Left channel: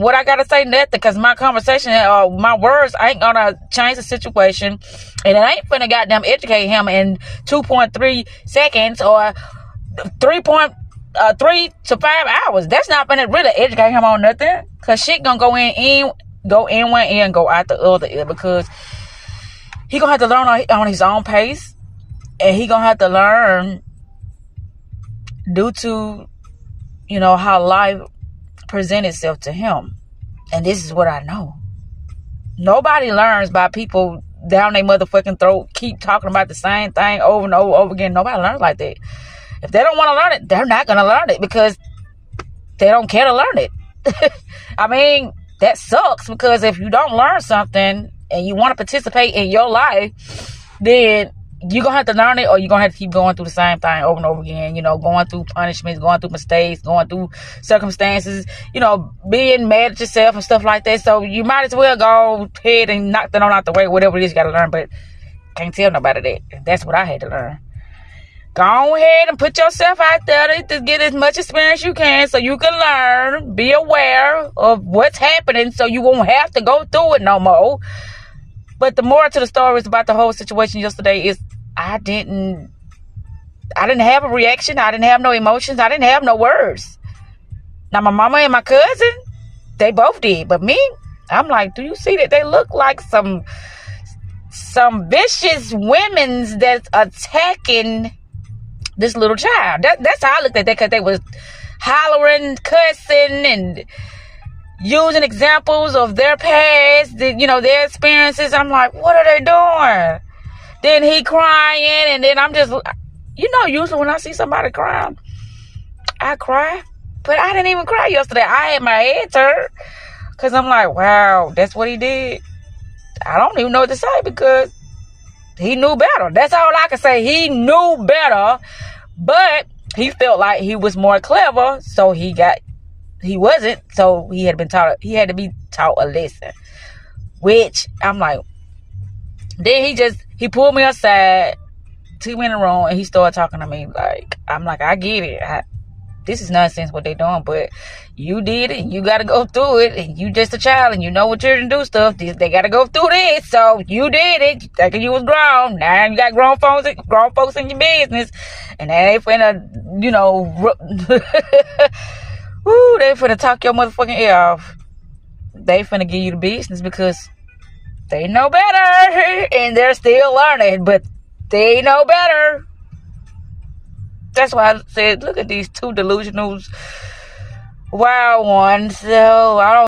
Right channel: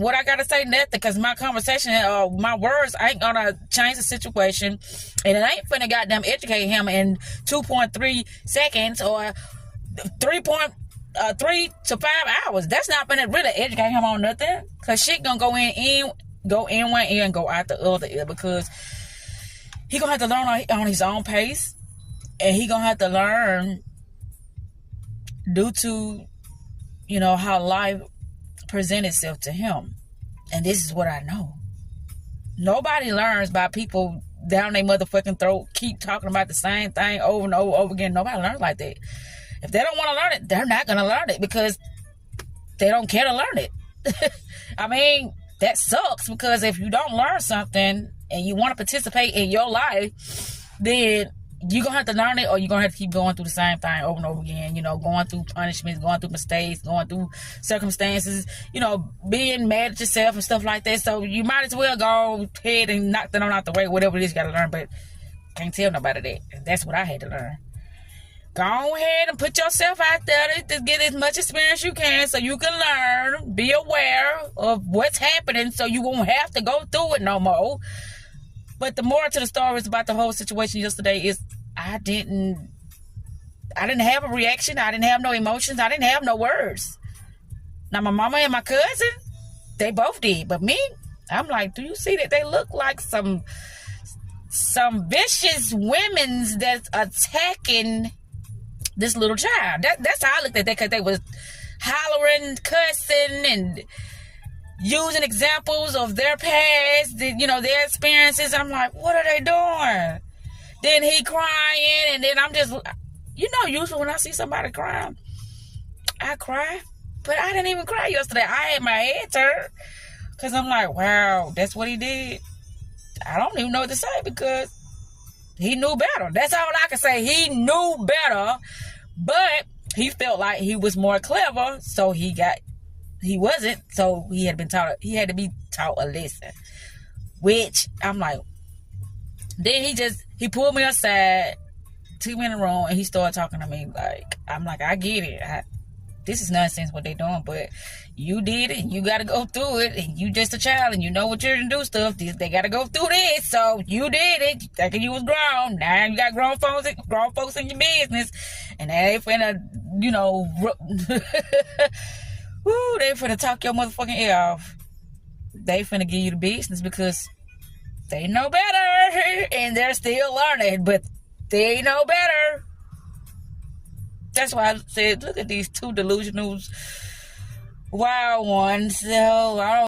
what I gotta say? Nothing, because my conversation or my words ain't gonna change the situation, and it ain't finna goddamn educate him in 2.3 seconds or 3 to 5 hours. That's not finna really educate him on nothing, cause shit gonna go in one ear and go out the other ear, because he gonna have to learn on his own pace, and he gonna have to learn due to, how life present itself to him. And this is what I know. Nobody learns by people down their motherfucking throat keep talking about the same thing over and over again. Nobody learns like that. If they don't want to learn it, they're not going to learn it, because they don't care to learn it. I mean, that sucks, because if you don't learn something and you want to participate in your life, then you're going to have to learn it, or you're going to have to keep going through the same thing over and over again, going through punishments, going through mistakes, going through circumstances, being mad at yourself and stuff like that. So you might as well go ahead and knock that on out the way, whatever it is you got to learn. But can't tell nobody that. That's what I had to learn. Go ahead and put yourself out there to get as much experience you can, so you can learn, be aware of what's happening, so you won't have to go through it no more. But the moral to the story is about the whole situation yesterday is I didn't have a reaction. I didn't have no emotions. I didn't have no words. Now, my mama and my cousin, they both did. But me, I'm like, do you see that they look like some vicious women that's attacking this little child? That's how I looked at that, because they was hollering, cussing, and using examples of their past, their experiences. I'm like, what are they doing? Then he crying, and then I'm just, usually when I see somebody crying, I cry. But I didn't even cry yesterday. I had my head turned, because I'm like, wow, that's what he did. I don't even know what to say, because he knew better. That's all I can say. He knew better, but he felt like he was more clever, so he wasn't, so he had to be taught a lesson. Which I'm like, then he pulled me aside, took me in the room, and he started talking to me like, I'm like, I get it. This is nonsense what they doing, but you did it, and you got to go through it, and you just a child, and you know what children do stuff. They got to go through this, so you did it. Thinking you was grown. Now you got grown folks in your business, and now they finna, woo, they finna talk your motherfucking ear off. They finna give you the business, because they know better, and they're still learning, but they know better. That's why I said, look at these two delusionals, wild ones. So I don't